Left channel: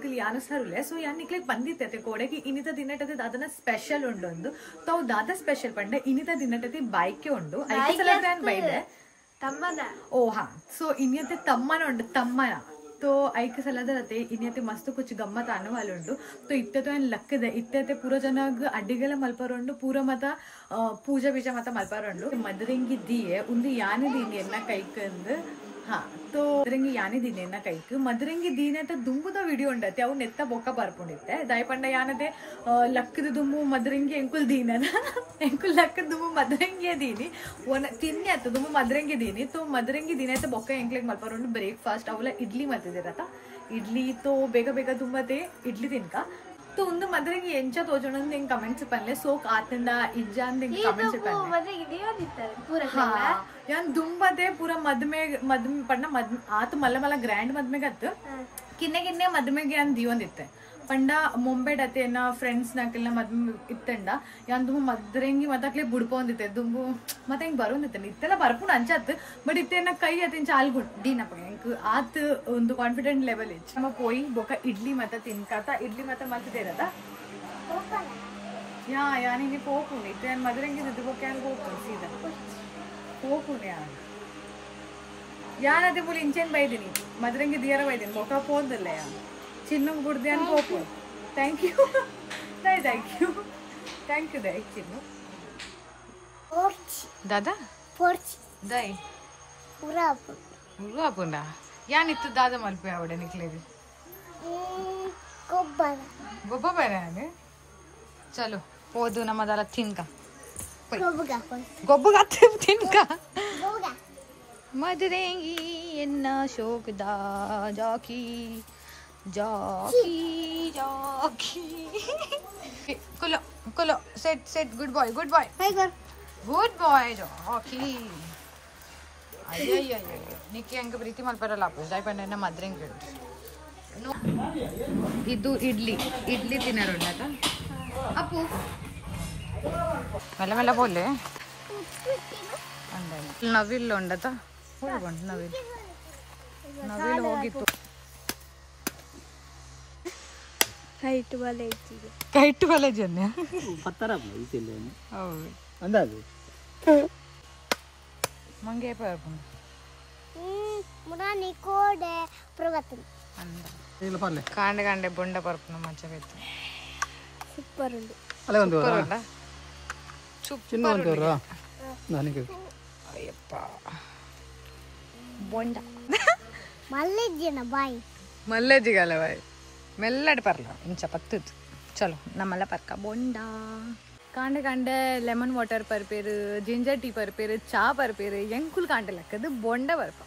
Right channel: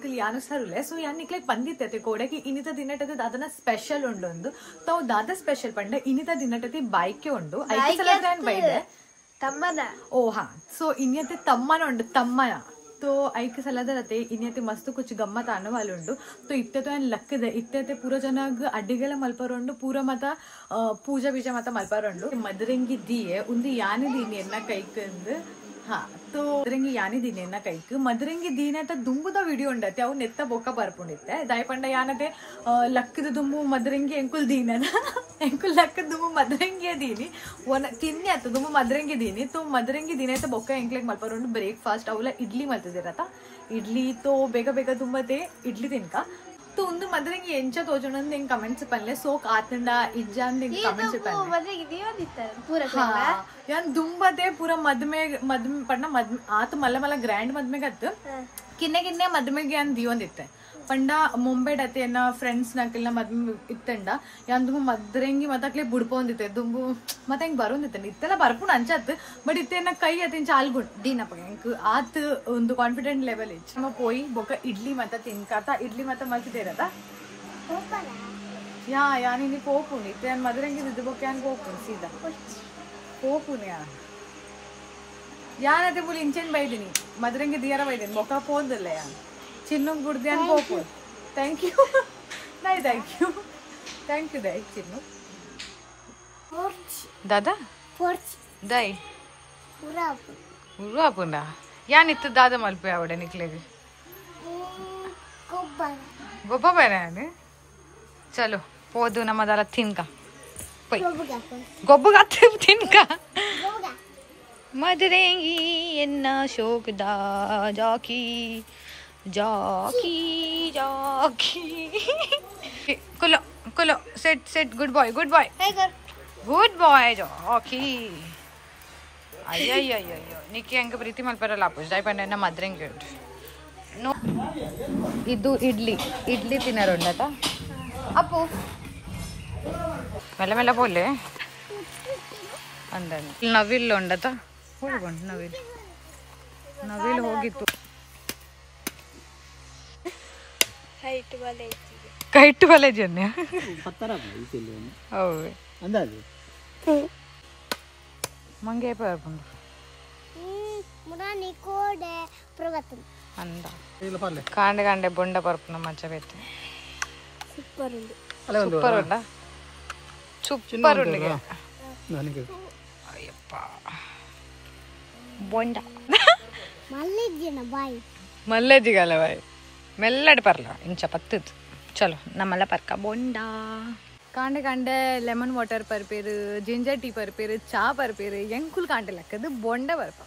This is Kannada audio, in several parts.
ನಿಕ್ಲಿ ಯಾನುಸಾರುಲೆ ಸೊ ಯಾನ್ ನಿಕ್ಲೆ ಬಂದಿತ್ತೆ ಕೋಡೆಗೆ ಇನಿತ ದಿನಟದ ದಾದನ ಸ್ಪೆಷಲ್ ಉಂಡೊಂದು ತಾವು ದಾದ ಸ್ಪೆಷಲ್ ಪಂಡ ಇನಿತ ದಿನಟತಿ ಬೈಕೆ ಉಂಡು ಬೈದೆ ತಮ್ಮನ ಓ ಹಾ ಸೊ ಇನ್ಯತೆ ತಮ್ಮನ ಉಂಡು ತಮ್ಮನ तो ऐक सलदरते इन्यते मस्त कुछ गम्मत आणवालुंडु तो इत्ते तो लक्कदे इत्ते पूरा जनाग अड्डिगेला मल्परोंडु पूरा मत पूजा बीजा मत मल्परोंडु मदरेंगी दिये उंदी यानी दीनी एन्न कैकंद हा तो मदरेंगी यानी दीनी एन्न कैक मदरेंगी दीने त दुंबुದ ವಿಡಿಯೋ ಉಂಡತೆ ಅವು ನೆತ್ತ ಬೊಕ್ಕ ಬರ್ಪುಂಡಿತ್ತೆ ದಯಪಂಡ ಯಾನತೆ ಲಕ್ಕದ ದುಂಬು ಮದರೆಂಗಿ ಎಂಕುಲ್ ದೀನನ ಎಂಕುಲ್ ಲಕ್ಕದ ದುಂಬು ಮದರೆಂಗಿ ದೀನಿ ಒನ ತಿನ್ನೆ ಅತ್ತ ದುಂಬು ಮದರೆಂಗಿ ದೀನಿ तो मदरेंगी दिने तो बೊಕ್ಕ ಎಂಕ್ಲೆಗ್ ಮಲ್ಪರೋಂಡು ಬ್ರೇಕ್‌ಫಾಸ್ಟ್ ಅವಲ ಇಡ್ಲಿ ಮಲ್ತಿದಿರತ ಇಡ್ಲಿ तो ಬೇಗ ಬೇಗ ತುಂಬತೆ ಇಡ್ಲಿ ತಿನ್ಕ तो ಒಂದು ಮದರೆಂಗಿ ಎಂಚ ತೋಜುಂಡು ಎಂಗ್ ಕಮೆಂಟ್ಸ್ ಪನ್ಲೆ ಸೋಕ್ ಆತಂಡ ಇಜ್ಜಾಂದ ಎಂಗ್ ಕಮೆಂಟ್ಸ್ ಪನ್ಲೆ ಮದರೆಂಗಿ ದಿಯೋದಿತ್ತಾರೆ ಪೂರ ಹಾ ಯಾನ್ ದುಂಬತೆ ಪೂರ ಮದ್ಮೆ ಪಣ್ಣ ಆತ ಮಲ್ಲ ಮಲ್ಲ ಗ್ರ್ಯಾಂಡ್ ಮದ್ಮೆಗೆ ಅತ್ತ ಕಿನ್ನೆ ಮದ್ಮೆಗೆ ಯಾನ್ ದಿಯೋಂದಿತ್ತೆ ಪಂಡ ಮುಂಬೈಡತೆ ಎನ್ನ ಫ್ರೆಂಡ್ಸ್ ನಾಕೆಲ್ಲ ಮದ್ಮೆ ಇತ್ತಂಡ ಯಾನ್ ದುಂಬು ಮದ್ರೆಂಗಿ ಮತ್ತಕ್ಲೆ ಬುಡ್ಪೊಂದಿತ್ತೆ ದುಂಬು ಮತ್ತೆ ಹೆಂಗ್ ಬರೋಂದಿತ್ತೆ ಇತ್ತೆಲ್ಲ ಬರ್ಪುಂಡು ಅಂಚತ್ ಬಟ್ ಇತ್ತೆನ್ನ ಕೈ ಅತಿನ್ ಚಾಲ್ಗುಂಡು ದೀನಪ್ಪ ಹೆಂಗ್ ಆತ್ ಒಂದು ಕಾನ್ಫಿಡೆಂಟ್ ಲೆವೆಲ್ ಇತ್ತು ನಮ್ಮ ಪೋಯಿ ಬೊಕ್ಕ ಇಡ್ಲಿ ಮತ್ತ ತಿನ್ಕಾತ ಇಡ್ಲಿ ಮತ್ತ ಮಲ್ತಿದೇರತ ಯಾನಿನಿ ಪೋಪುಂಡು ಇತ್ತೆ ಯಾನ್ ಮದ್ರೆಂಗಿ ದಿದ್ದು ಬೊಕ್ಕ ಯಾನ್ ಪೋಪುಂಡು ಸೀದಾ ಪೋಪುಂಡು ಯಾನತೆ ಪುಲ್ ಇಂಚೆನ್ ಬೈದಿನಿ ಮದ್ರೆಂಗಿ ದಿಯರ ಬೈದಿನಿ ಬೊಕ್ಕ ಪೋಂದಿಲ್ಲ ಯಾನ್ ಚಿನ್ನು ಗುಡ್ದ್ಯಾನ್ ಪೋಪು ಥ್ಯಾಂಕ್ ಯು ಥ್ಯಾಂಕ್ ಯು ದೈ ಚಿನ್ನು दादा दई उर्वापुंडा यान इत्त दादा मल्पे आवडे निकलेगे गोब्ब बराने चलो पोदु नमदला तिनका गोब्बगा तिनका मदरेंगी एन्न शोकदा जाकी जाकी जाकी कुलो कुलो set set good boy good जाकी अय्यो निक्की अंग प्रीति मल्परला आपुस दय पन्ने मदरेंगी नो इदु इडली इडली तिनरोंडता अप्पू मेल्ल मेल्ल बोले अंदर नविल उंडता होगुंड नविल नविल होगित्तु ಕೈಟ್ ವಾಲೆ ಜನ್ಯ ಪತ್ತರ ಬೈತಿಲ್ಲ ಹೌದು ಅಂದಾಜು ಮಂಗೆ ಪರ್ಪುಂಡು ಮುರಾನಿ ಕೋಡೆ ಪ್ರಗತನ್ ಅಂದ ಕಾಂಡೆ ಕಾಂಡೆ ಬೊಂಡ ಪರ್ಪುನ ಮಚ್ಚ ಬೇತೆ ಸೂಪರ್ ಉಂಡು ಸೂಪರ್ ಉಂಡ ಸೂಪರ್ ಉಂಡು ನನಗೆ ಅಯ್ಯಪ್ಪ ಬೊಂಡ ಮಲ್ಲೆಜ್ಜಿನ ಬಾಯಿ ಮಲ್ಲೆಜ್ಜಿಗಲ್ಲ ಬಾಯಿ मेल्लड परला इंच पत्तद चलो नमला परका बोंडा कांडे कांडे लेमन वाटर परपेर जिंजर टी परपेर चा परपेर ಎಂಕುಲ್ ಕಾಂಡೆ ಲಕ್ಕದು ಬೊಂಡ ಬರ್ಪ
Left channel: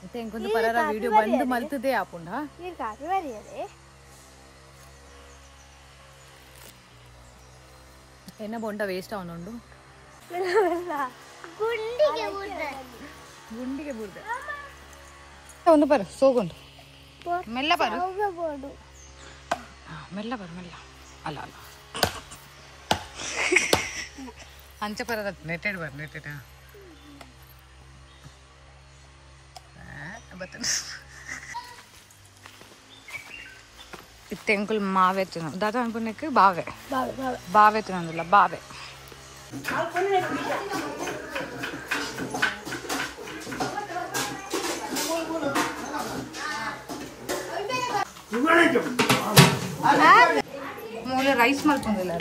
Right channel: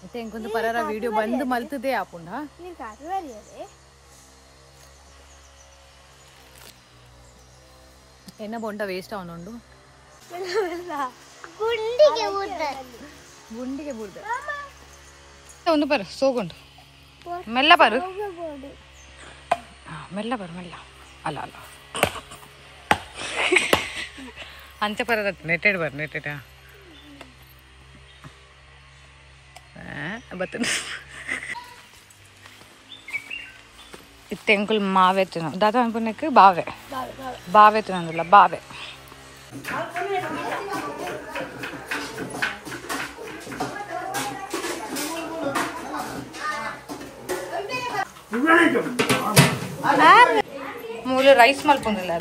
ಮತ್ತೆ ಎಂಕೊಂದು ಪರರ ವಿಡಿಯೋ ಬಂದು ಮಲ್ತದೆ ಆಪುಂಡ ಎನ್ನ ಬೊಂಡ ವೇಸ್ಟ್ ಅವನುಂಡು ಗುಂಡಿಗೆ ಬುರ್ದ ಒಂದು ಬರ ಸೋಗುಂಡು ಮೆಲ್ಲ ಬರು ಮೆಲ್ಲ ಬರು ಮೆಲ್ಲ ಅಲ್ಲ ಅಲ್ಲ ಅಂಚೆ ಬರದ ನೆಟ್ಟೆಡ್ ಬರ್ ನೆಟ್ಟೆಡ ಬತ್ತ ಇತ್ತೆ ಅಂಕುಲ್ ಮಾವೆ ತಿನ್ನು ದಾದಾ ಅನ್ಪುನಕ್ಕೆ ಬಾವೆ ಬಾವೆ ತಿನ್ನೋದಿಲ್ಲ ಬಾವೆ ಮೂಲ ರೈಸ್ ಮಲ್ಪೊಂದಿಲ್ಲ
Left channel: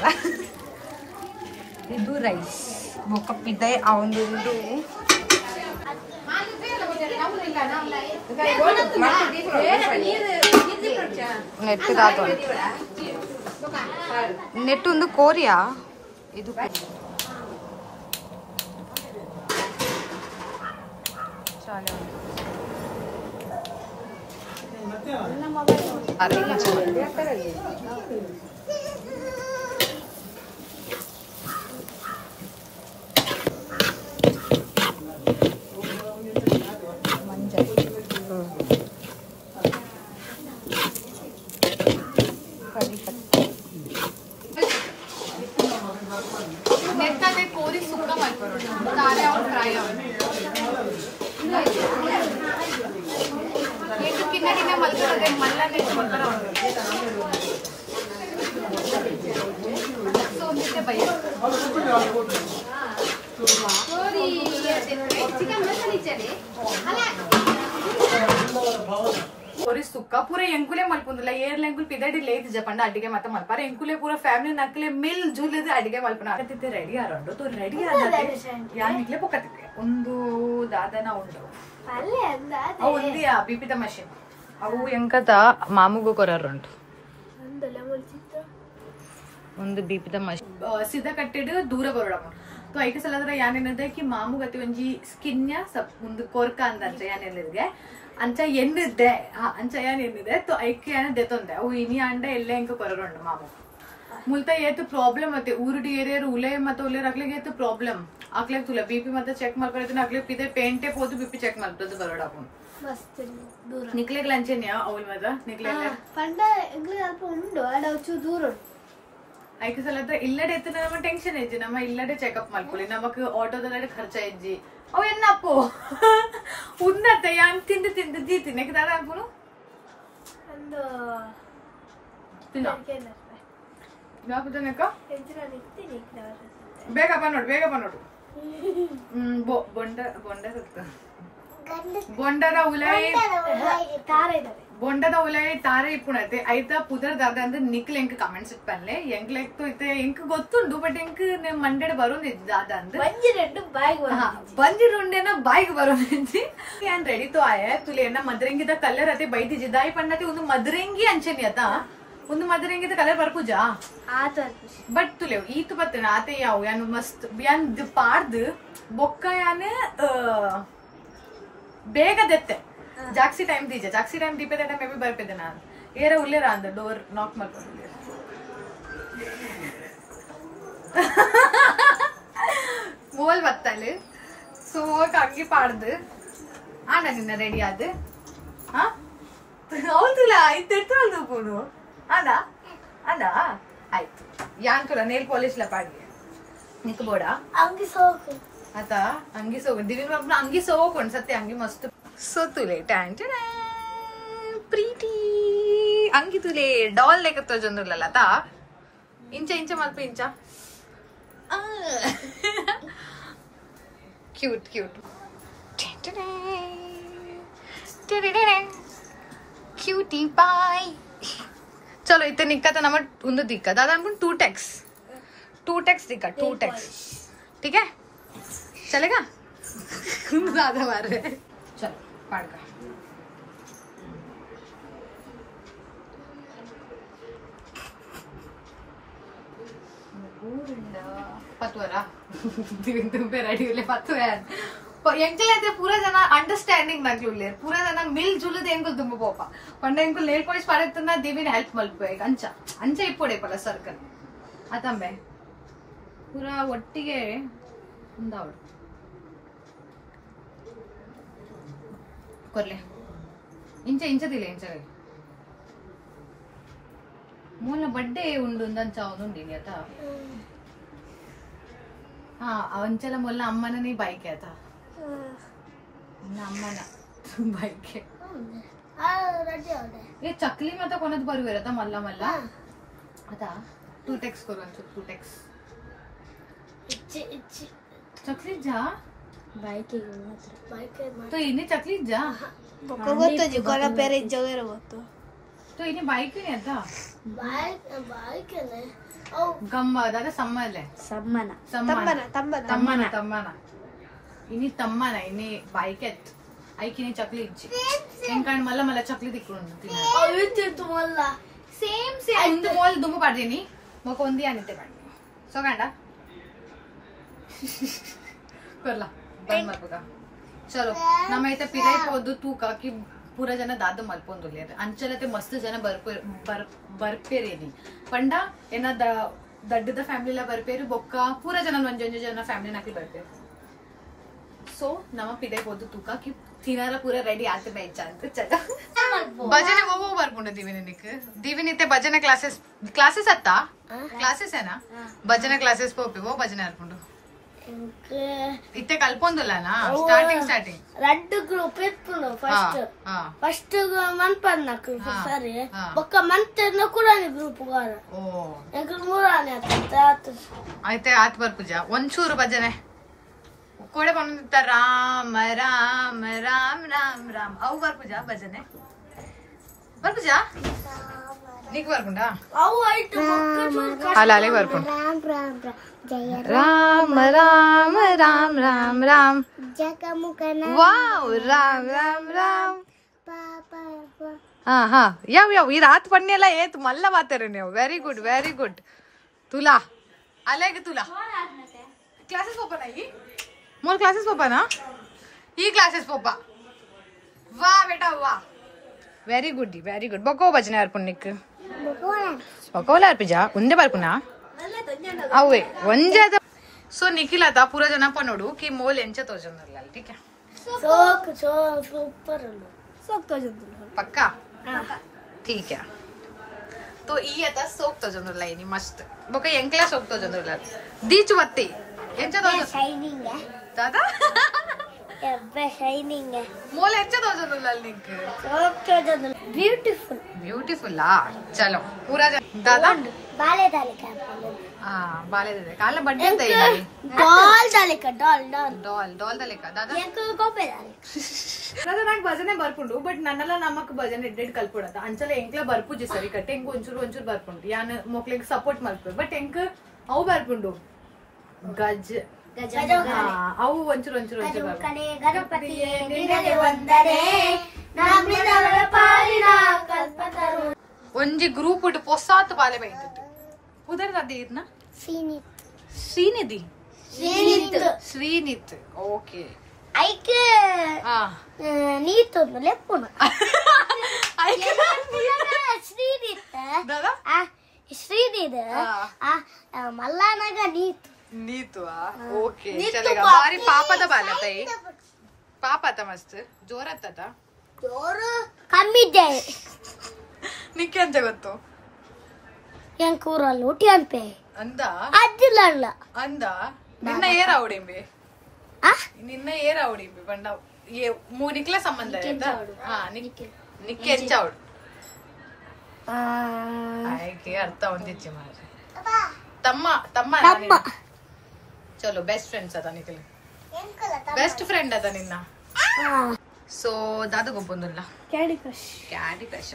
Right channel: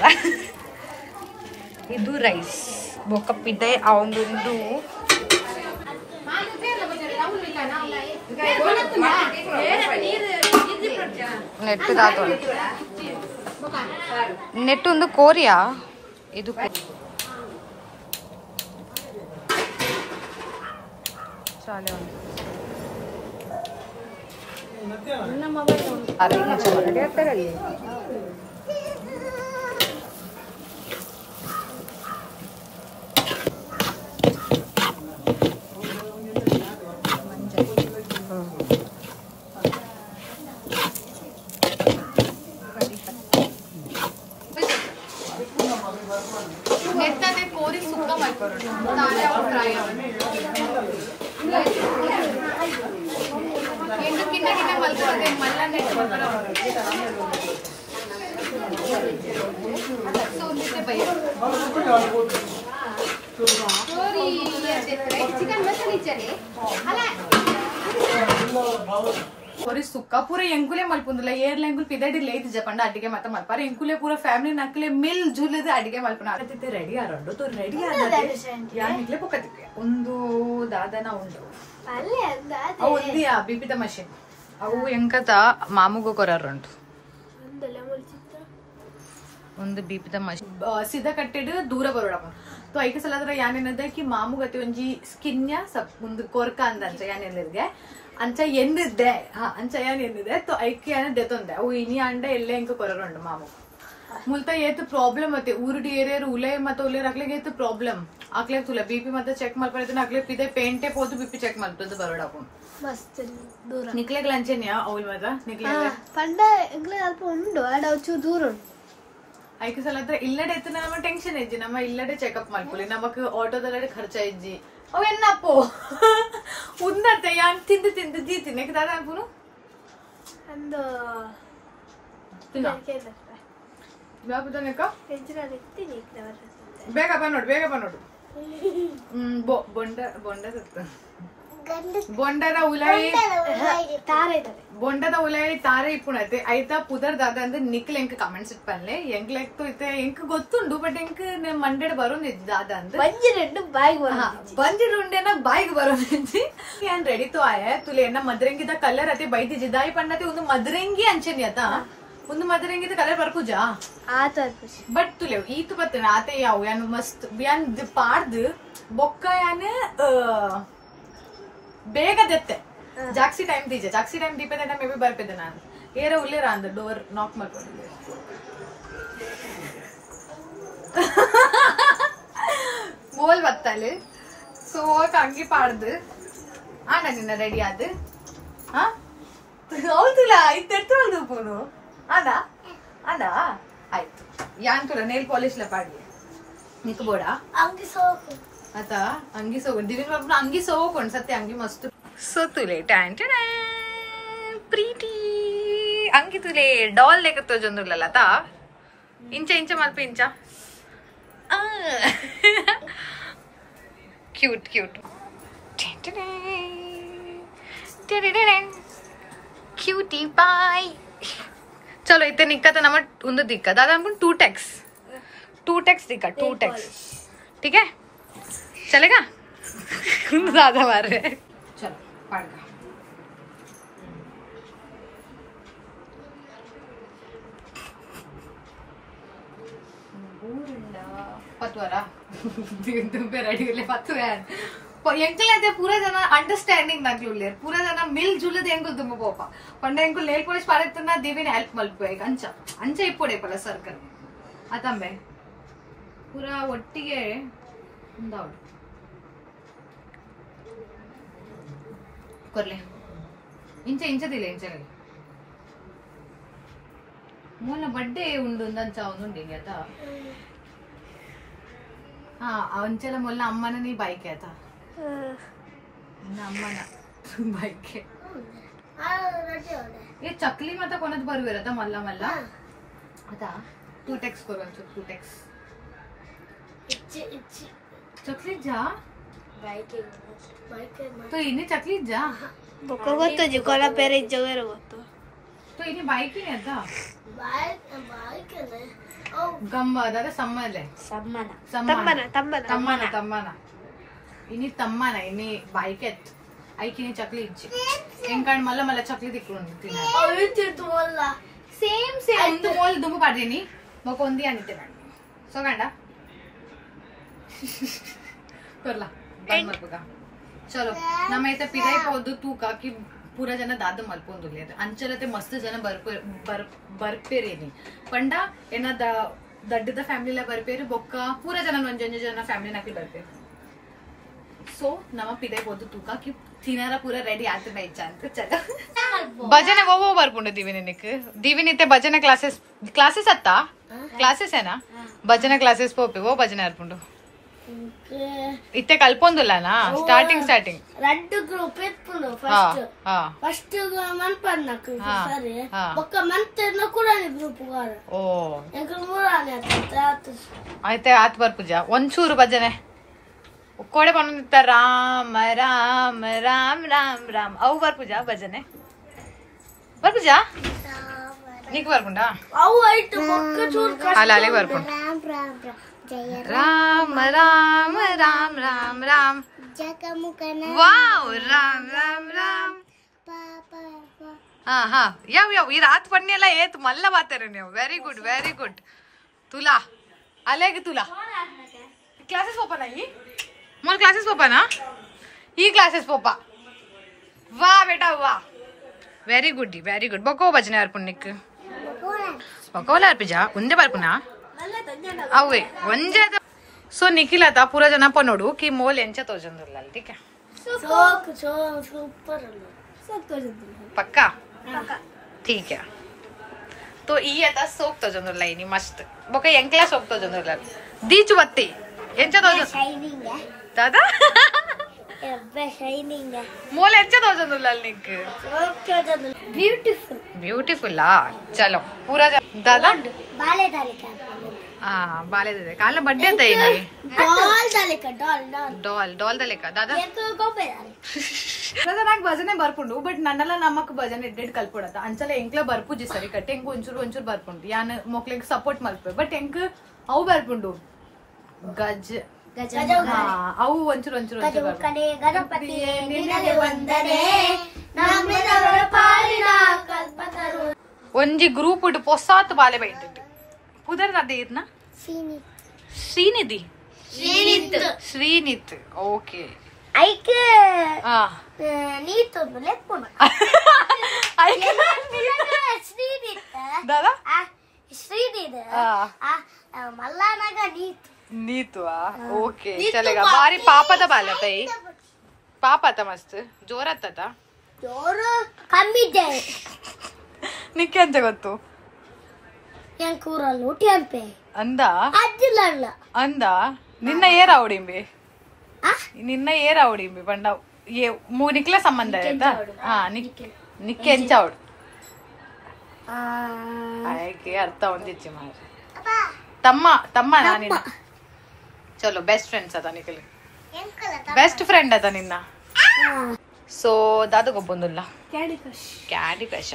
ಇದು ರೈಸ್ ಬೊಕ್ಕಪ್ಪಿದ್ದೆ ಅವೊಂದು ನೆಟ್ಟು ದಾತು ನೆಟ್ಟು ಒಂದು ಕೋರಿಯಾ ಇದು ಚಾಲೆ अरे मुझे नेत्ता कोरी सुक्का मल्परोंडु तारे और फ्राई ಎಂಟು ಕಿನ್ನ ಕಿನ್ನ ಮಲ್ಕೊಳ್ಳೋದೆ ಮಲ್ಲ ನೆಟ್ಟು ಮಲ್ಕರ ಸೊ ಒಂದಿತ್ತೆ ಭಯ ಸುಕ್ಕ ಪೂರ ಎಂಕುಲೆ ಮಲ್ಪುಂದಿಲ್ಲ ಏರ್ಲ ಎಂಕುಲ್ ಪಿದಡಿ ಲೇಟ್ ಜಪಂಡ ಅಡಿಗೆ ಮತ್ತೆ ಮಲ್ಪಾರ ಎಂಕುಲೆ ಪೂರ ಫ್ಯಾಮಿಲಿ ನಕ್ಲೆ ಮಿಲ್ ಜೂಲಿದ ಅಡಿಗೆ ಮಲ್ಪನ ಆಗತ್ತಿದ್ದೆ ರೆಡಿ ಆರೋಂಡು ತೋ ರೆಡಿ ಯಾನಿಗ್ಲೆ ಪೊಕ್ಕತ್ತಿದ್ದೆ ಒಂದು ದಾದನ ಉಂಡು ಅವು ಒಂದಿಯಾ ಬಿಪಿದ ಮಷಿನ್ ಅವು ಎಂಕತ ಮಾಮುಗು ಕೊರರುಂಟು ಒಂದು ಬಿಪಿದ ಮಷಿನ್ ಸಿದ ಕಟ್ಟಿಡು ದೂರ ಬರೋಡಮ್ಮ तो ऐके सलदर यानेनिದೆ कि मामू गति ಒಂಜಿ ಸ್ಕಿನ್ಯ ಒಂದು ಕೊರ್ಕ ಅಂತ ಯಾನೆಲ್ಲಿದೆ ಅಂಚ ಎಂದಿದ್ದೆ ಅಂಚ ಯಾನೆಂದಿದೆ तो ಐಕೆ ಯಾನೆ ದೆತೊಂದೆ ಅವು ಇನಿ ಅಂಡ ಎಲ್ಲ ಎಂಕ ಕೊರಗೊಂಡು ಮಾಮು ಮುಲ್ತ ಏತು ಪ್ರಾಬ್ಲಮ್ ಮತ್ತೆ ಊರುಡಿ ಏರಿಯಾರು ಉಲೆ ಮತ್ತೆ ಉಲೆ ರಕ್ಲಿಗೆ ಏತು ಪ್ರಾಬ್ಲಮ್ ಆಕ್ಲೆ ತುಲ ಬಿಪಿ ಮತ್ತೆ ಚೆಕ್ ಮಲ್ಪರದನ ಆಕ್ಲೆ ಪಿದೆ ಪೇಂಟೆ ಪೋದು ಬಿಪಿ ಚೆಕ್ ಮಲ್ಪದು ಬರೋಡಾಪು ಮಸ್ತ್ ದೂರ ನಿಕ್ಲೆ ಲಂಚೆನಿಯಾ ಅವಲ್ ಮದ ನಿಕ್ಲೆ ಪಂಡ ಎಗ್ಲೆ ಅಲ್ಪ ಉಂಡು ಅಡ ಒಚ್ಚು ದೂರ ಐಕೆ ಸಲದ್ರ ಇಲ್ಲಡೆ ಎತ್ತು ನಮ್ಮ ಟೆನ್ಷನ್ ಇಜ್ಜಿ ನಮ್ಮ ಇಲ್ಲಡೆ ಚೆಕಪ್ ಮಾಡ್ಕೊಳ್ಳಿ ನಮಕ್ ಆಟೋದಲ್ಲಡೆ ಖರ್ಚ ಇಜ್ಜಿ ಅವೆನ್ನಪ್ಪೋ ಉನ್ನತೆ ಯಾನ್ ತಿಂದು ತಿಂದು ಜೀತಿನಿ ದಾದ ಅನ್ಪುನು ತಿನ್ನ ಯಾಕುದನಕ ಬೇಗ ಬಾ ನೋಡು ಬೊಂಡ ಸಿಗ್ತ ಬೊಂಡದ ಉಲಾಯಿ ಬೊಂಡದ ಉಲಾಯಿ ತಾರೆ ಇಪ್ಪುಣತೆ ಐತ ಪುದರ್ ದಾದ ಅಂದ್ರೆ ನಿಕ್ಲೆ ಎಂಕ್ ಕಮೆಂಟ್ಸ್ ಇಪ್ಪನ್ಲೆ ಎಂಕ್ಲೆಕ್ ಇತ್ತೆ ಎಂಕ್ ಗೊತ್ತುಂಡು ಬಟ್ ಎಂಕ್ ಮಂಡೆಡ್ ಬರೋನ್ ದಾದ ಅಂದ್ರೆ ಬಂಜಿರುಂಡೆನ ಬಾಯಿಗೆ ಬರೋನಿಜ್ಜಿ ಯಾನ್ ರೆಡಿ ತೋ ಆಯ ತುಲೆ ಎನ್ನ ಮದ್ರಂಗಿದ ಕಲರ್ ಅತೆ ಬೈದಿ ಜಿದಾಯಿ ಪಣ್ಣತೆ ಒಂದು ಮದ್ರಂಗಿ ಅಂಚೆನಿ ಆತ ಒಂದು ಮದ್ರಂಗಿದ ಕಲರ್ ಬರ್ಕುಜಾ ಬಟ್ ತುಲೆ ಈತು ಬರ್ತೇನೆ ಆತ ಯಾವ ಯಾನ್ ಮಸ್ತ್ ಯಾನ್ ಪಾಡ್ದು ಬೊಕ್ಕ ಯಾನೆ ಬೇಗ ದೆತ್ತೆ ಜಾಕ್ಸಿ ಟೈಮ್ ದೀಪದೆ ಮೇ ಬಿ ಬರ್ಪಿದ್ದೆ ನಾನು ಏರ ಉಲ್ಲೇರ ಅಂದ ಡೋರ್ ನಾಕ್ ಮಾಡ್ಕೊಂಡಿದ್ದೆ ಮೋಲ್ ಬತ್ತಲೆ ಸೊ ಅಂಗಿ ಪಾಡ್ದು ಆಂಡ ನಿನ್ನ ರೆಡಿ ಆದ ಹೌದಿಲ್ಲ ಇತ್ತು ಪೂನು ಅದ ಅದ ಆಯ್ತು ಯಾನ್ ತುಲ ನೇಲ್ ಪಾಲಿಶ್ ಲ ಪಾಡಿ ನಿಕ್ ಬೋಡ ಅಂಗಿ ಸೋಕು आता अंगी सो दिवीन बाबू अंगी सो कोण सत्य अंगी मस्त सो तुले टॅन प्रीटी अंगी तुले डॉल लेकतो जंदुरला आता इंच मल्प इंच क्यूट क्यूटी बाय चलो इथे निक्का नम उंद दिक्का दादा अनकुन 2 दिक्का 2 ठीक है चलेगा ज्यादा मार रहे चलो पाड़गा पतवारा तुम्हें रेडी ले पत्तु यार ಎಂಕಲ್ అయితే ಪೂರ ಜನ ಅಂಡರ್ಸ್ಟ್ಯಾಂಡಿಂಗ್ ನಗ್ಲುಲ್ಲೇರ್ ಪೂರ ಜನ ಮಿಲ್ ಜುಲದ ಎಂಕಲ್ ತುಂಬ ಪೋಪ ಪಂಡ ಎಂಕಲ್ ನೇಲ್ ಪಾಲಿಶ್ ಪಾರೆತ್ತನ ದಿವಿನ ಹೆಲ್ಪ್ ಮಲ್ಪಬೇಕು ಅಂಚ ಇಪ್ಪೊಡೆ ಪಲ ಸರ್ಕಲ್ ಅತಂಬೆ ಪೂರ ಒಟ್ಟಿಗೆ ಉಂದಾವಡು ಕೊರ್ಲೆ ಇಂಚದಿಲ್ಲ ಇಂಚಗೆ ಮೂಲ ಬಡ್ಡೆ ಉಂಡು ಅಂಚ ಅವನುಂಡಿ ಆತ ಅಂಚಲ ಮೊಲ್ಲ ಅಮ್ಮನ ನೀ ಬೈಕೆ ಆತ ಅಮ್ಮನ ಬೈಕೆ ये चकली मत कोणत बरोबर आता मल्ला मल्ला आता 2 टेक्स करू अंचू 2 टेक्स चकली जा तो इने चकली जा बको ಗೊತ್ತು ಜಿ ಕೊಲ ಪೇರೆ ಜಗರ ಗೊತ್ತು तो इने बाइक ही नहीं आता बाइक है ओ गम्मा दादा सम्मले तम्मना इनी तम्मना इनी बाइक है ಐಕಿನಿ ಚಕ್ಲಿ ಇಚ್ಚಿ ಎಂಕಂಡ್ ಮಲ್ಲ ಮಲ್ಲ ಚಕ್ಲಿ ತಿಕ್ಕೊಂಡು ತಿನ್ನ ಅವಿತಿತ್ತು ಮಲ್ಲ ಸೇಮ್ ಒಂದು ಮೋಲ್ ದುಂಬು ಪಾಡ್ದೀನಿ ಮೊಕ ಒಂದಿ ಅನಿತೆ ಮಾಡಿ ಸೋಗಂಡ ಕೊರ್ಲ ಬಂದ್ ಮಲ್ಪಗ ಚಲೋ ನಮ್ಮೈತೆ ಪಿರೈ ಹೋದು ತೂಕಾಕಿ ಪೂರ ಜನ ದಾದ ಮಲ್ಪೊಂದುಲ್ಲೆ ಅಂಚಲತೆ ಮಸ್ತ್ ಜನ ಬರ್ಪೇರೇನಿ ಪಂಡ ಏನ ದಡ್ಡದ ಫ್ಯಾಮಿಲಿಲ ಬರ್ಪೇರು ಬೊಕ್ಕ ಪೂರ ಜನ ಒಂಜೊಂಜು ಜನ ಫ್ಯಾಮಿಲಿ ನಾಕಿ ಬರ್ಪೇರು सो नम पिदे पोदु तूका कि तिनारा पूरा रेडी आते बैठ ಅಂತ ಚಲೋ ಭಜನೆ ಓವೋ ಬರ್ಕೊಂಡು ದಿವಿನಿ ಇತ್ತೆ ಭಜನೆ ಕ್ಲಾಸಸ್ ಅತ್ತ ಕ್ಲಾಸಸ್ ಏನಾ ಭಜನೆ ಕ್ಲಾಸಸ್ ಪೋಪಿ ಓ ಭಜನೆ ಅರ್ಪುಂಡು ಇತ್ತೆ ಕಲ್ಪೊಂದುಲ್ಲನಾ ಸ್ಟಾರ್ಟಿಂಗ್ రెడ్ గ్రూప్ ఇప్పుడు ఫస్ట్ మన్పర్ నాకు సరే ఒక మంత్ కూడా గ్రూప్ కాదు ఓ ఇంకా ಮೂರನೇ అయితే ಆತ್ ಬರ್ಪುಜ ಒಂಚೂರು ಭಜನೆ ಕೋಡೆ ಬಂದಿತ್ತ ರಾಮ ರಾಮ ರಾಮ ರಾಮ ರಾಮ ಅವು ಬರ್ಪುಜ ಭಜನೆ ಬರ್ಪುಜ నీకు ಬರ್ಪುಂಡ ಅವು ಐಟು ಅಲೆ ಬರ್ಪುಂಡ ರಾಮ ರಾಮ ರಾಮ ರಾಮ ರಾಮ ವಾವ್ ರಾಮ ರಾಮ ರಾಮ ಹಾ ಹಾ ಯಾವ ಈ ರಾತ್ ಪಣ್ಣಿ ಎಲ್ಲ ಏತ್ ಮಲ್ಲ ಮಾತಾರ ನೀವು ವೆರಿ ಗುಡ್ ತುಲಾ ಅಲೆಗೆ ತುಲಾ ಕ್ಲಾಸಸ್ ಪೋಪ ನಾ मोर क्लासेस पापा ना ई क्लासेस पापा वाह बेटा वाह वेरी गुड बको भजने अर्पुनिक बकोला अर्पिजा उंदे ಬರ್ಪುನಾ ಅವೇ ಒಂಜೆ ಸೊ ನಿಖಿಲ್ ಆತ ಪೂರ ಜನ ನೋಡು ಕಿ ಮೋಲ್ ಎಂಚ ತೋಜಂದಿರಲ್ಲ ठीक है पक्का ठीक है तो ಈ ಆತ ಸೋಕ್ ತೋಜಂದಿರಲ್ಲ ಇನಿ ಮಸ್ತ್ ಬಕ ಎಂಕ್ಲಾ ಸೋಕ್ ತೋಜಂದಿರಲ್ಲ ದೀಚು ವತ್ತಿ ಎಂಚ ತೋಜ ಶೈನಿಂಗ್ दादा ಶೈನಿಂಗ್ मोल ಎಂಚ ತೋಜಂದಿರಲ್ಲ ನಿಕ್ ಬ್ಯೂಟಿಫುಲ್ ಚಲೋ ಪೂರ दादा ಬಾಲೆ ದಾಲಿಕಾ ಬಾಲೆ ದಾಲಿಕಾ ಕಾಲ ಬಡ್ಡೆ ಅಂತ ಇಲ್ಲಿ ಡಾಲ್ ದಾಲಿಕಾ दादा दादा నాకు భజನೆ ಬರ್ಪುಂಡು ಬಟ್ ನನ್ನಲ್ಲ ನಮ್ಮಕ್ ಭಜನೆ ಎಡ್ಡೆಡ್ ಕಲ್ಪುಡತ ಅಂಚಲ ಎಂಕ್ಲ ಬರ್ಪುಜಿ ಸರಿ ಕಟ್ಟೆ ಎಂಕ್ ಒಂಚೂರು ಬರ್ಪುಂಡು ಯಾನ್ ಮೊಕ್ಲೆಗ್ ಸಪೋರ್ಟ್ ಮಲ್ಪೆ ಬಟ್ ಎಂಕ್ ಅವು ಬರ್ಪುಂಡು ಗಜ ಅವು ಒಂಚೂರು ಒಂಜಿ ಗ್ರೂಪ್ ಉಡ್ ಪೊಸಾತ್ ಬಾಲೆ ಬೈತಿಟ್ಟು ಪುದರ್ ಅದೇರ್ನ ಶ್ರೀನಿತ್ ಓಕೆ ಐಕ್ ನೀತು ಲೆಪ್ಪುನ ಐಕ್ ಶ್ರೀನಿತ್ दादा ಶ್ರೀನಿತ್ ಮಲ್ಲಾನಾಗ ನೀತು ಓಕೆ ಚಲೇಗ ಬಾರಿ ಪಾಪದ ಬಾಲ ತೈ ಪಾಪ ಆತ ಮಸ್ತ್ ಜೋರ್ ಆತ ಜೋರು ಕಮ್ಮಿ ಇದೆ ನಿಕ್ಕೆ ಅಂತ ಗೊತ್ತು ಏನ್ ಕೂರಲ್ಲ ಊಟಿ ಅನ್ಪೆ ಅಂದ ಅಜ್ಜಿಲ್ಲ ಅಂದ ನಿನ್ನ ಏರ ಅವಡಿಂಬಿ ಬಂಡ ನಿಕ್ಲ ಸಂಬಂಧ ಆಯ್ತಾ ನಿಕ್ಕೆ ಎಂಚ ಅವಡು ಆಯ್ಕೆ ಅರ್ಥ ಒಂದಿಚ್ಚಿ ಮಾರಿ ತಮ್ಮ ಚಲೋ ಬೆಸ್ಟ್ ಫ್ರೆಂಡ್ಸ್ ಅದ ನಿಖಿಲ್ ಬೆಸ್ಟ್ ಫ್ರೆಂಡ್ ಅದ ನಿನ್ನ ಸೊ ದಾದ ಗೊಬ್ಬೊಂದಿಲ್ಲ ಕ್ಯಾಡಿ ಕ್ರಶ್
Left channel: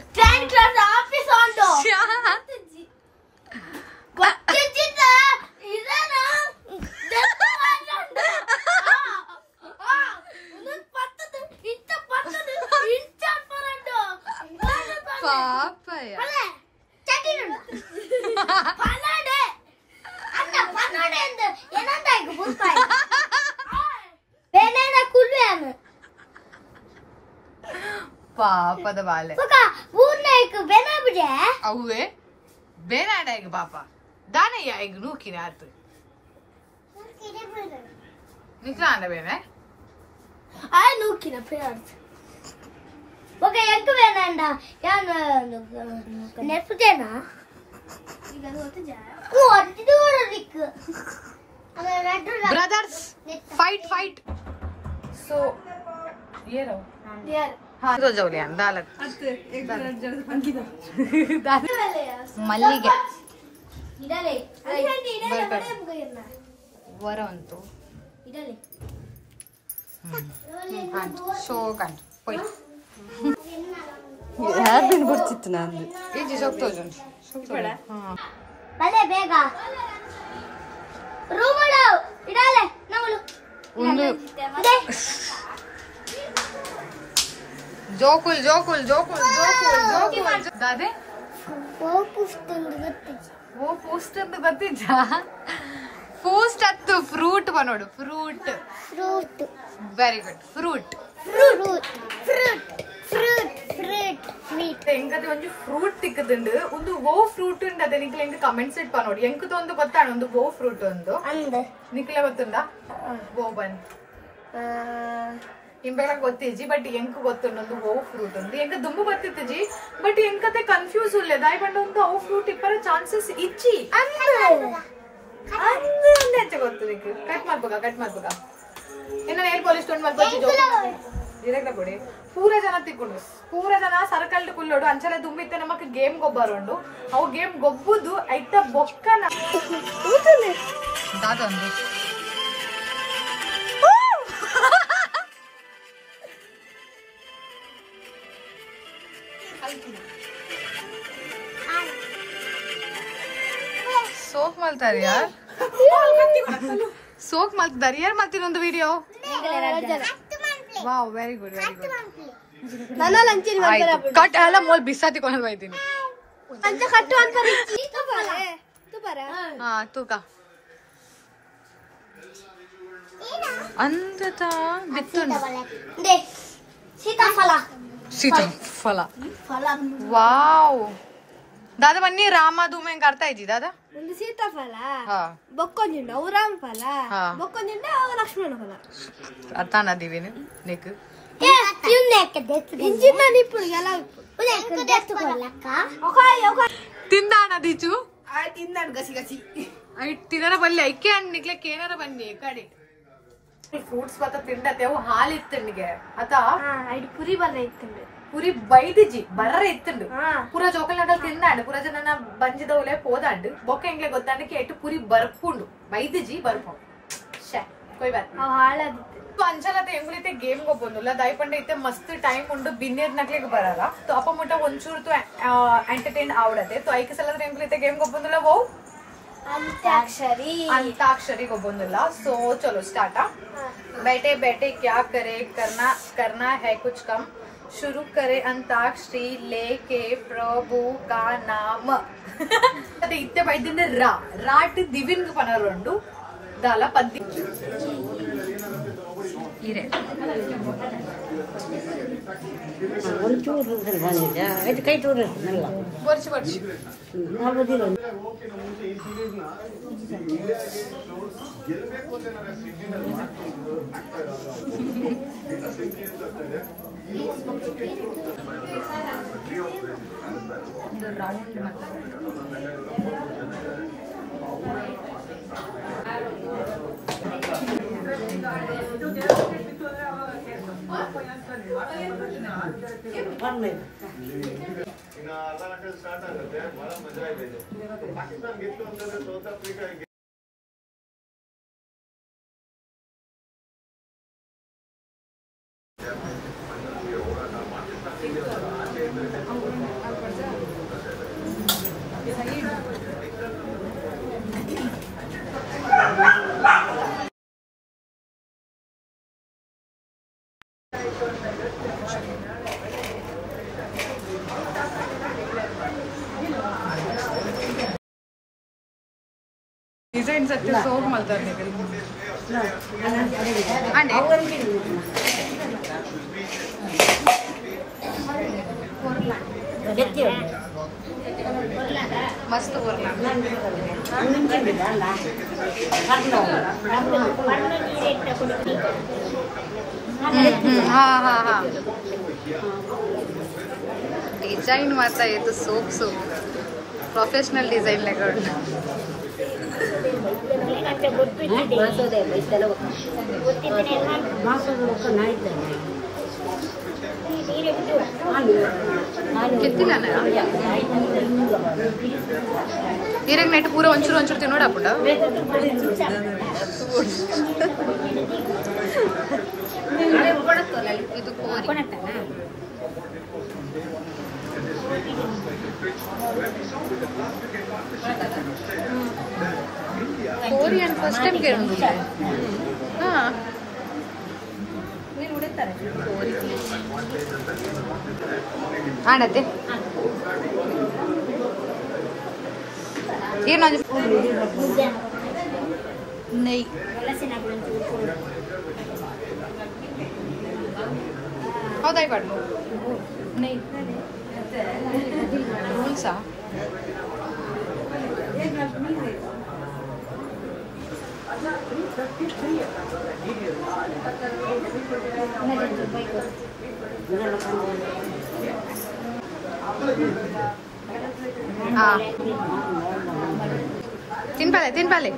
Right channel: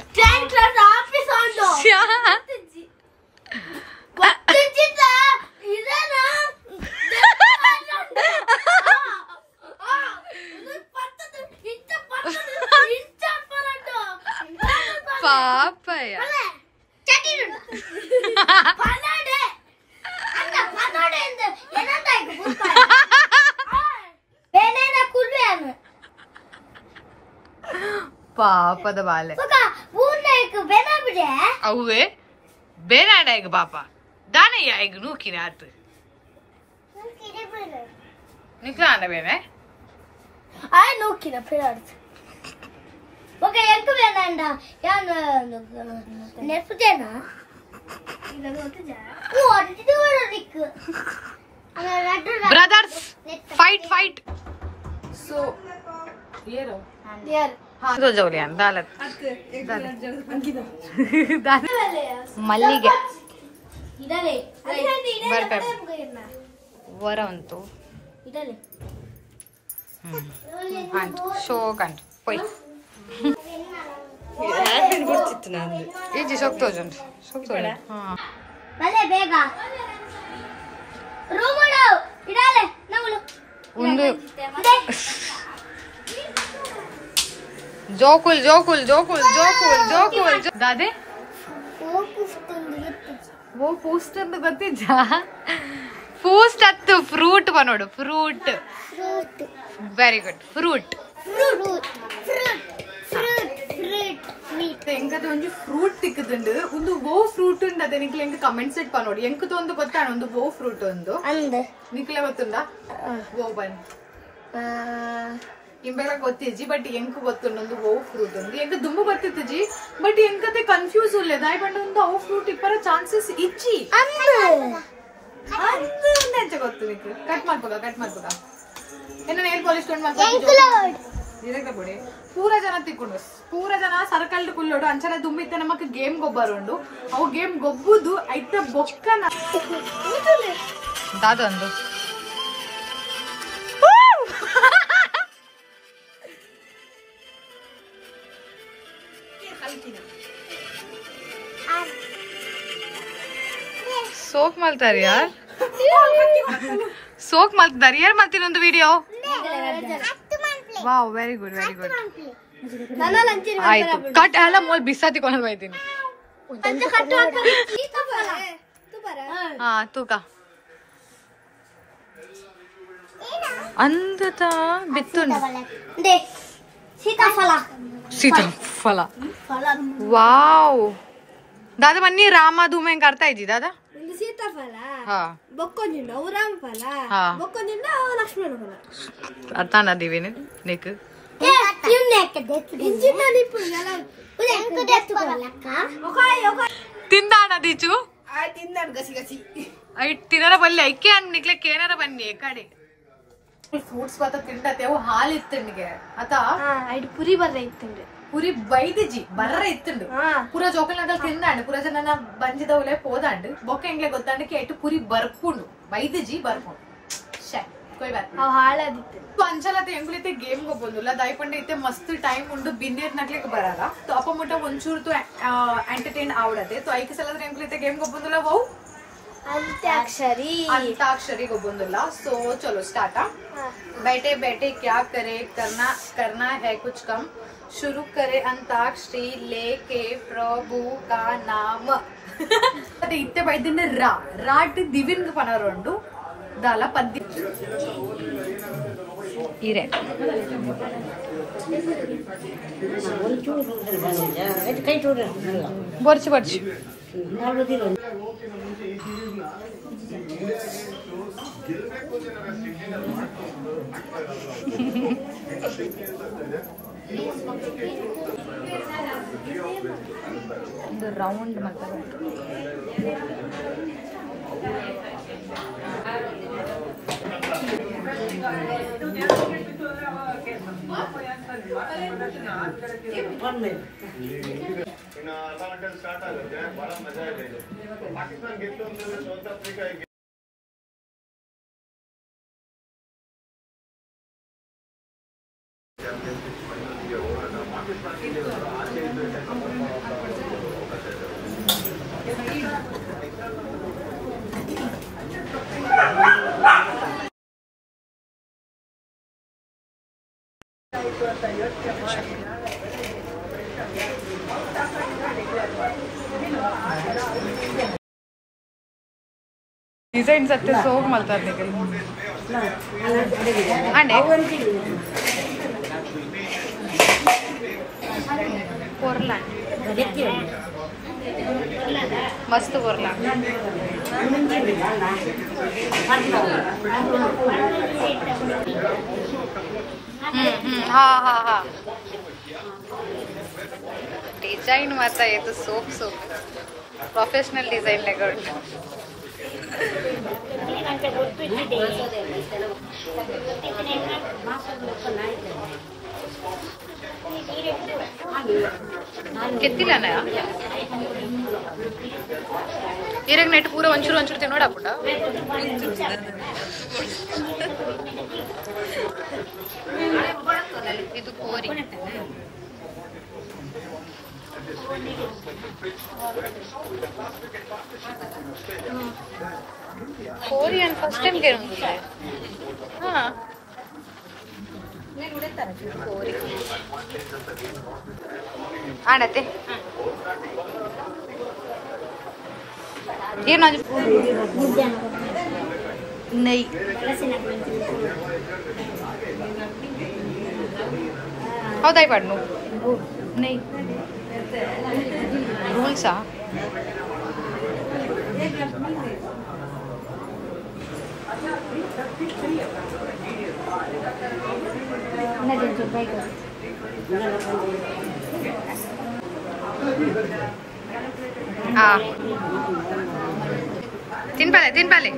ಪಾಪಯ್ಯ ಪಾಪದ ಬಾಲೆ ಅವೇ ಬೇನಾಡ ಈಗ ಪಾಪ ದಾನಯ್ಯ ಈಗ ನೂಕಿನ ಆತು ನಿಕ್ಲ ಅಂಡ ಬೇನೆ ಆಯ್ ನೂಕಿನ ಫಿರಾಡ್ಸ್ ಓಕೆ ಎಂಕ ಬೇನಂಡ ಯಾನು ನೆಫ್ಟೇನಾ ಓ ಅದು ನಿಕ್ ಬ್ರದರ್ಸ್ ಫೈಟ್ ಸೊ ಏರೋ ಜೌಲಿಯನ್ ದಾಲತ್ ಮಲ್ಲಿಗೆ ವರ ಉಂಟು ಶೋ ಕಂಡು ಪೊಯ್ ಈಜಿ ಸೊಕ್ತೋಜುಂಟು ಬೇಗ ರೂಮಳು ಇಡಾಲೆ ನಾವು ಒಂದು ಜೋಕುಲ್ ದಾದೆ ಓ ಪೋಸ್ಟ್ ಅಂತ ಗೊತ್ತಿದ್ದ ಪೋಸ್ಟ್ ಹತ್ತು ಫ್ರೂಟ್ ಬನೋಡು ಫ್ರೂಟ್ ವೆರಿ ಗುಡ್ ಫ್ರೂಟ್ ಎಂಕದ ಒಂದು ಫ್ರೂಟ್ ತಿಕ್ಕದುಂಡು ಒಂದು ಓ ಫ್ರೂಟ್ ಉಂಡು ಅದೇ ನಿಕ್ಲ ಎಂಕ ಕಮೆಂಟ್ಸ್ ಇಟ್ ಪನೋಡು ಎಂಕದ ಒಂದು ಗೊತ್ತಾಣ ಒಂದು ಓ ಫ್ರೂಟ್ ಒಂದು ನಿಕ್ಲ ಗೊತ್ತುಂಡ ಓ ಬನ್ ಇಂಬೆಲ್ಲ ಗೊತ್ತಿಜ್ಜಿ ಬಟ್ ಎಂಕ್ ಗೊತ್ತುಂಡು ಒಂದು ಓ ಫ್ರೂಟ್ ಒಂದು ಎಂಕ ದುಂಬು ಗೊತ್ತಿತ್ತಜಿ ಬಟ್ ಎಂಕತೆ ಕನ್ಫ್ಯೂಸ್ ಉಲ್ಲೆ ದಾಯ್ ಬಂಡ ಒಂದು ಓ ಫ್ರೂಟ್ ಇಪ್ಪರ ಚಾನ್ಸಸ್ ಇಜ್ಜಿ ಅಂದ ಗೊತ್ತು ಕಟ್ ಮಾಡ್ಬೇಕ ಏನ ನೇಲ್ ಪಾಲಿಶ್ ತೊಗೊಂಡ್ ಮಲ್ಪಡಿ ಪೂರ ಜನ ತಿಕ್ಕೊಂಡು ಪೂರ ಜನ ಸರ್ಕಲ್ ಕುಲ್ಲೋಡು ಅಂಚನೆ ದುಂಬಿತ್ತೆ ನಮಕ್ ಗೇಮ್ ಗೊಬ್ಬರುಂಡು ಅವು ಗೇಮ್ ಗೊಬ್ಬುದು ಐತ ಬೊಕ್ಕನ ದಾದೊಂದು ಸೋಕ್ ಮಲ್ತಾರ ಯಾರ್ ಸೋಕ್ ಮಲ್ತಿದಾರ ಯಾರ್ ಮತ್ತಿನೊಂದು ವಿಡಿಯೋ ವಾವ್ ವೆರಿ ಗುಡ್ ಆಯ್ತು ಕಟ್ ಎಲ್ಲ ಮೋಲ್ ಬಿಸಾತಿಕೊಂಡು ಬೈತೀನಿ ಹಾ ತೂಕ ಅಂದತ ಬಿತ್ತುಂಡು ಸೀತಾಫಲ ವಾವ್ दादा बन्नी रामा धूमे करता है जी दादा सीताफल हाँ बक्कोंजिंड अव रामफल हाँ बक्कोंजिंड अव लक्ष्मण फल अता ना दिविने नेक ये नेक देत इंजिन निपुण ఎలా नेक देत कोलक्क ओके ತಿಂದಾಣ ದೀಚು ಆ ತಿಂದಾಣ ಗಸಿ ಗಸಿ ಐ ತಿನ್ನರ ಬಲ್ಲಿ ಐಕೆ ಅನ್ ನಿಕ್ಲೆ ಕೇನರ ಬನ್ನಿ ಕಡೆ ಫ್ರೂಟ್ಸ್ ಪತ್ತ ತಿಂಡತೆ ಅವು ಹಾಲು ಇತ್ತಂಡಿಗೆ ಅತ ಐಡಿ ಪುರಿ ಬರ್ರೆ ಇತ್ತಂಡು ಪುರಿ ಬೈದಿಜಿ ಬರ್ರೆ ಇತ್ತಂಡು ಪೂರ ಜೋಕಲ್ನಾಗಲ್ ತಿಂದಾಂಡು ಪೂರ ಜನ ಬಂಜಿದವಲೆ ಪೋದಾಂಡು ಬೊಕ್ಕ ಎಂಗ್ಲೆ ಗೊತ್ತಾಂಡು ಕೇಟು ಪುರಿ ಬರ್ಪುಂಡು ಬೈದಿಜಿ ಬರ್ಪುಂಡು ಶೇ ಕೊಯ್ ಬಾತ್ ಅವ ಹಾಳಾದಿತ್ತು ಅಂಚಲತೆ ಎಂಗುಲಿತೆ ಗೇಮ್ ಗೊಬ್ಬೊಂದುಲ್ಲ ದಯಪಂಡ ಇತ್ತೆ ಮಸ್ತ್ ಟೈಮ್ ಉಂಡು ಬಿನ್ನೇರ್ ನಕ್ಲಿಗೆ ಬರಲ್ಲ तो ಅಪ್ಪ ಮುಟ್ಟ ಒಂಚೂರು तो ಎಂಟರ್ಟೈನ್ आवडते तो ಐಕ ಸಲದ ಎಂಗುಲಿತೆ ಗೇಮ್ ಗೊಬ್ಬೊಂದುಲ್ಲ ವೌ अंताक्षरी ಗೊಬ್ಬೊಂದುಲ್ಲ सो चलो स्टार्ट बैठे बैठे क्या करे करना है कुछ कम शुरू करे अंताक्षरी लेके प्रभु का नाम अते इत्ते बैदिने राट दिविन पनरोंडु दाला पद्य इरे ಬರ್ಚಿ ಬರ್ಚಿ ಒಂದು ರೌಂಡ್ ಮಾಡ್ತಾರೆ डिजाइन सत्य सोग मलता निकल अंडे कोरला मस्त कोरला हाँ हाँ हाँ डिजाइन माता ये तो सोग सोग प्रोफेशनल डिजाइन लगा कितनी लाना है इरेग नेट पूरा ಒಂಚೂರು ಒಂಚೂರು ತಿನ್ನೋಡ ಪುಡ ಇದು ಕೋರಿ ಕೋರಿ ಅನ್ ಫಸ್ಟ್ ಟೈಮ್ ಕೇಳೋದಿಲ್ಲ ಹಾ ನೀನು ಉಳಿತಾರೆ ಕೋರಿ ಆಣತೆ ಏನು नहीं ಹೌದಾಯ್ ಪಡ್ನು नहीं ರೂಲ್ಸ್ तीन पाले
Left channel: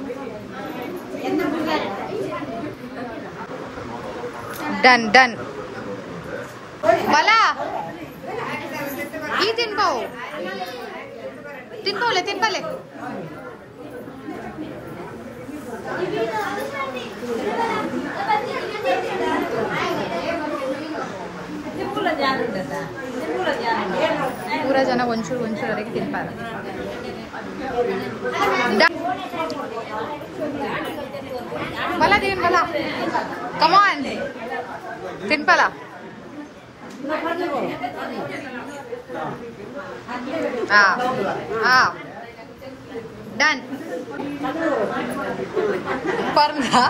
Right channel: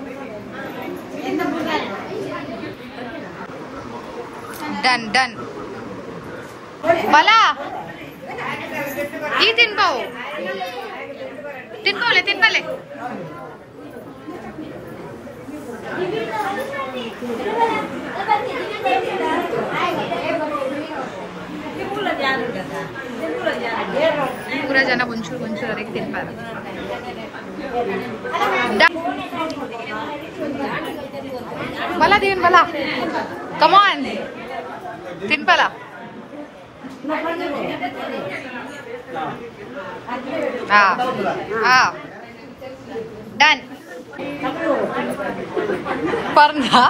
डन डन मला ही तीन पाओ तीन पाओले तीन पाले पूरा जन ಒಂಚೂರು ಒಂಚೂರವರೆಗೆ ತಿನ್ಪಾರ मला देन मला कम ऑन ತಿನ್ಪಾಲ डन पर्ना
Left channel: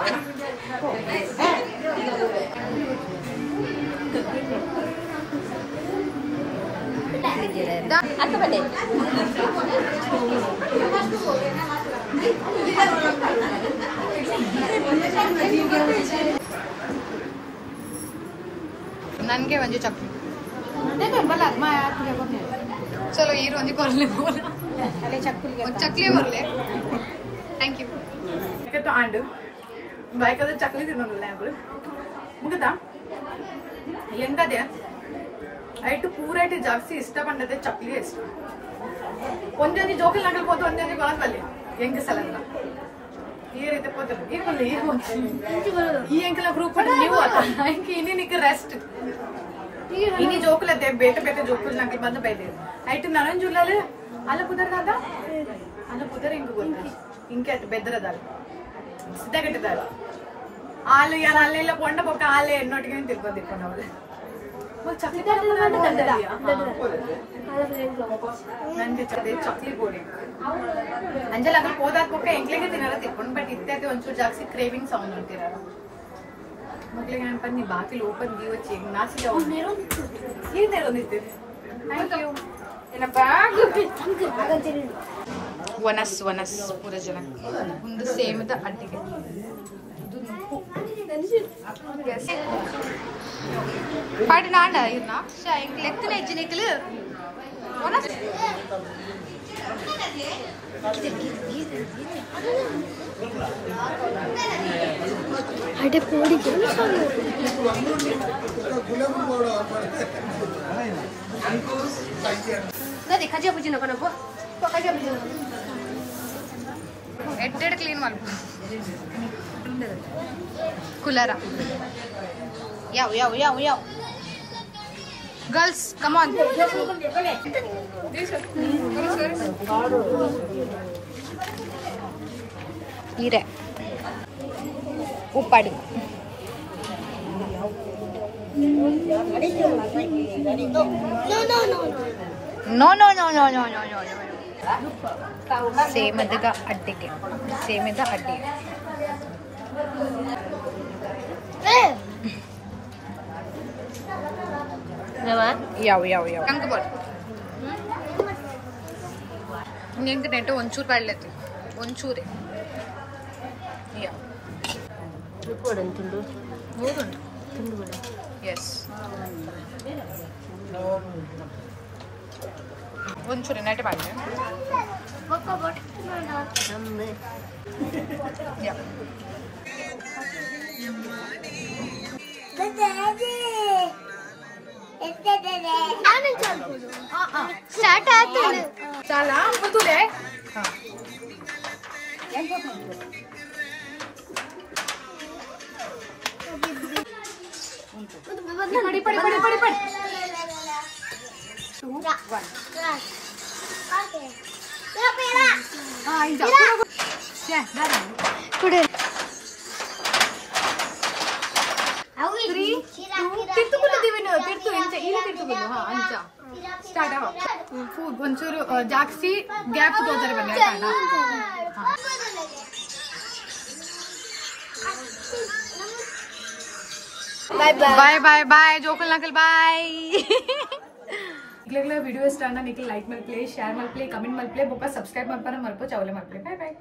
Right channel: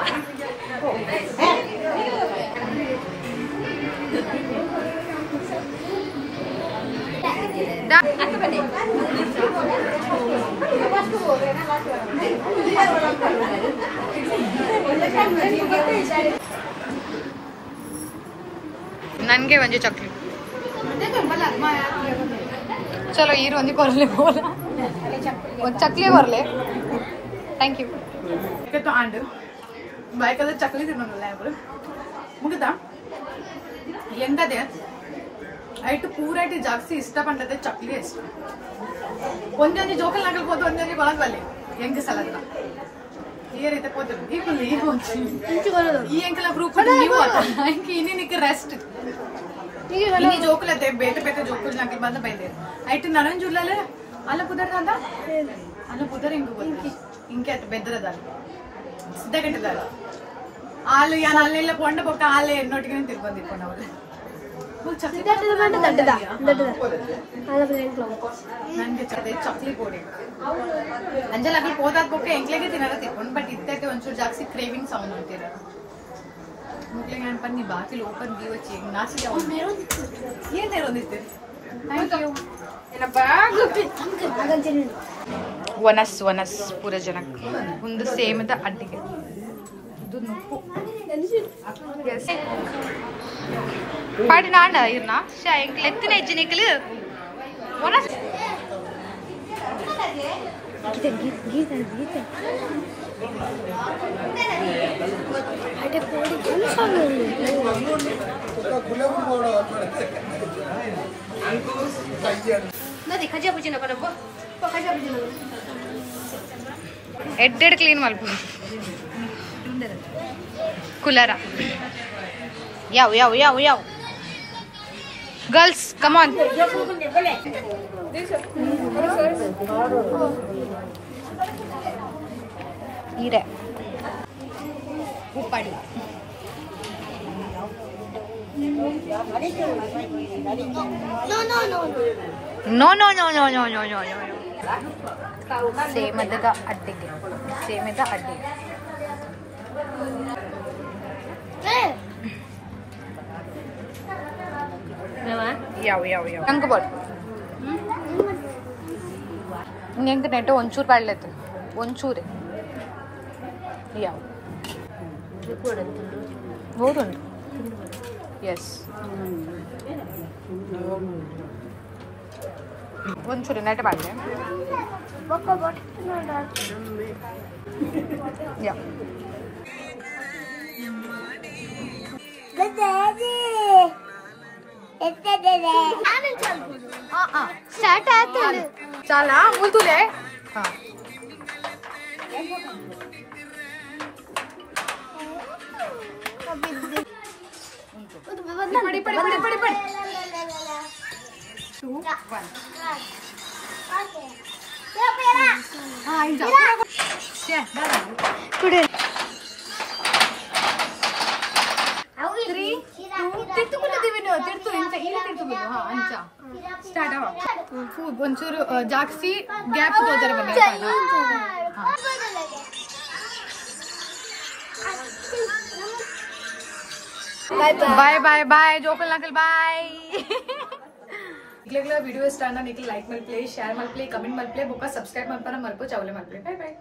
नन्गे ಒಂಜಿ ಚಕ್ಲಿ चलो ये रोंजी करले बोला और चकली बरले थैंक यू तो आंड बाइक अदर चकली ತಿನ್ನೋಲ್ಲ ಅಂಕಲ್ ಮುಗಿತಾ ಎಂಗದೆ ಐಟು ಪೂರೈಟ್ ಜಾಸ್ತಿ ಇಷ್ಟ ಪಂಡದೆ ಚಕ್ಲಿ ಇಷ್ಟ ಒಂದೊಂದು ಜೋಕಲ್ ನಗಲ್ ಹೋದ ಒಂದೊಂದು ಕೊಳಗಲ್ಲಿ ಹೆಂಗ ಸಲದನ ಈ ರೀತಿ ಹೋದ್ರು ಈ ಫುಲ್ ಈ ಎಂಕಲ ಗ್ರೂಪ್ ನೀವು ಆತ ಇಂಕ ಇನ್ನಿಕ್ಕೆ ರೆಸ್ಟ್ इन्हीं जोकल बेटे बेटे जोकल नकल बंद बैदे ऐट ननन जुल्लाले अल्ल पुदर कांदा अल्ल पुदर इंग गोई इंके बेदरदाल सिद्धगट्टदाल आले यान अल्लेल्ल पोंड पक्क आले एन्नोटिगे तिरुपंदिप्पोनवले वो चकली दड्डदा नन्गे चकली पोडी अंजल अगल पोदाक पक्क ಎಂಕ್ಲೆಗೆ ತಿನ್ನರ ತಿಕ್ಕೊಂಡು ಬಟ್ ಇತ್ತೈತೆ ಒಂಚೂರು ಜಾಸ್ತಿ ಕ್ರೇವಿಂಗ್ ಸೌಂಡ್ ಅಂತಿರಲ್ಲ मुगले गण पर नहीं बाकी ओपन दी वो चेक नाची जाओ ये तेरे नित्य थैंक यू इन बैग वनस वनस पूरे जनक उंद सेम द अड्डिगे ಇದು ನುಪ್ಪು यस ಪಾಡಿ ನಾಂಡ ಇರ್ನಾ ಶಾ ಎಂಕ್ ಲೆತ್ತಿನ ಎಜ್ಜಿನಿಕಲು ವನಸ್ ಗೀತೆ अरे पूरी ना देखा जे बुझी नको नको पका जे बुझी नको एडेड क्लीन मल्पु कुलरा याव याव याव याव गर्ल्स कम ऑन इरे उपाड़ी no no no no no no no no same ಅದಗ ಅಡ್ಡಿಗೆ ಸೇಮ್ ಅದ ಅಡ್ಡಿ ಯಾವ ಯಾವ ಯಾವ ಅಂಕ ಬಟ್ ಇಂಗೆ ನೆಟ್ಟು ಒಂಚೂರು ಪಾಡ್ಲೈತೆ ಒಂಚೂರೇ ಯಾವ बहुत उंटु यस ಒಂಚೂರು ನೆಟ್ಟೆ ಬಾಡ್ಲೆ ಯಾ ಸ್ಟಾರ್ಟ್ ಆಯ್ತು ಚಾಲಾ ಮುಂದುಲೆ ಹಾ पड़ी पड़ी पड़ी पड़ी पड़ी 2 1 हां जा क्या दादा कुडे 3 2 ತಿರ್ತುಕೊಳ್ಳ ದಿವೆನ ತಿರ್ತು ಇಂಚ ಇಲ್ಲಿ ತಿರ್ತುಕೊಳ್ಳ ಹಾ ಅಂಚ ಸ್ಟಾರ್ಟ್ ಆವ ಒಂಚೂರು ಜಾಕ್ಸಿ ಗ್ಯಾಪ್ ತೋದರೆ ಬನ್ನಿ ಕಾಣ ಹಾ बाय बाय बाय जोकल नकल बाय वीडियो इष्ट निकल लाइक मल्पले शेयर मल्पले कमेंट मल्पले बोका सब्सक्राइब मल्पना मल्पो चावले मल्पले बाय बाय।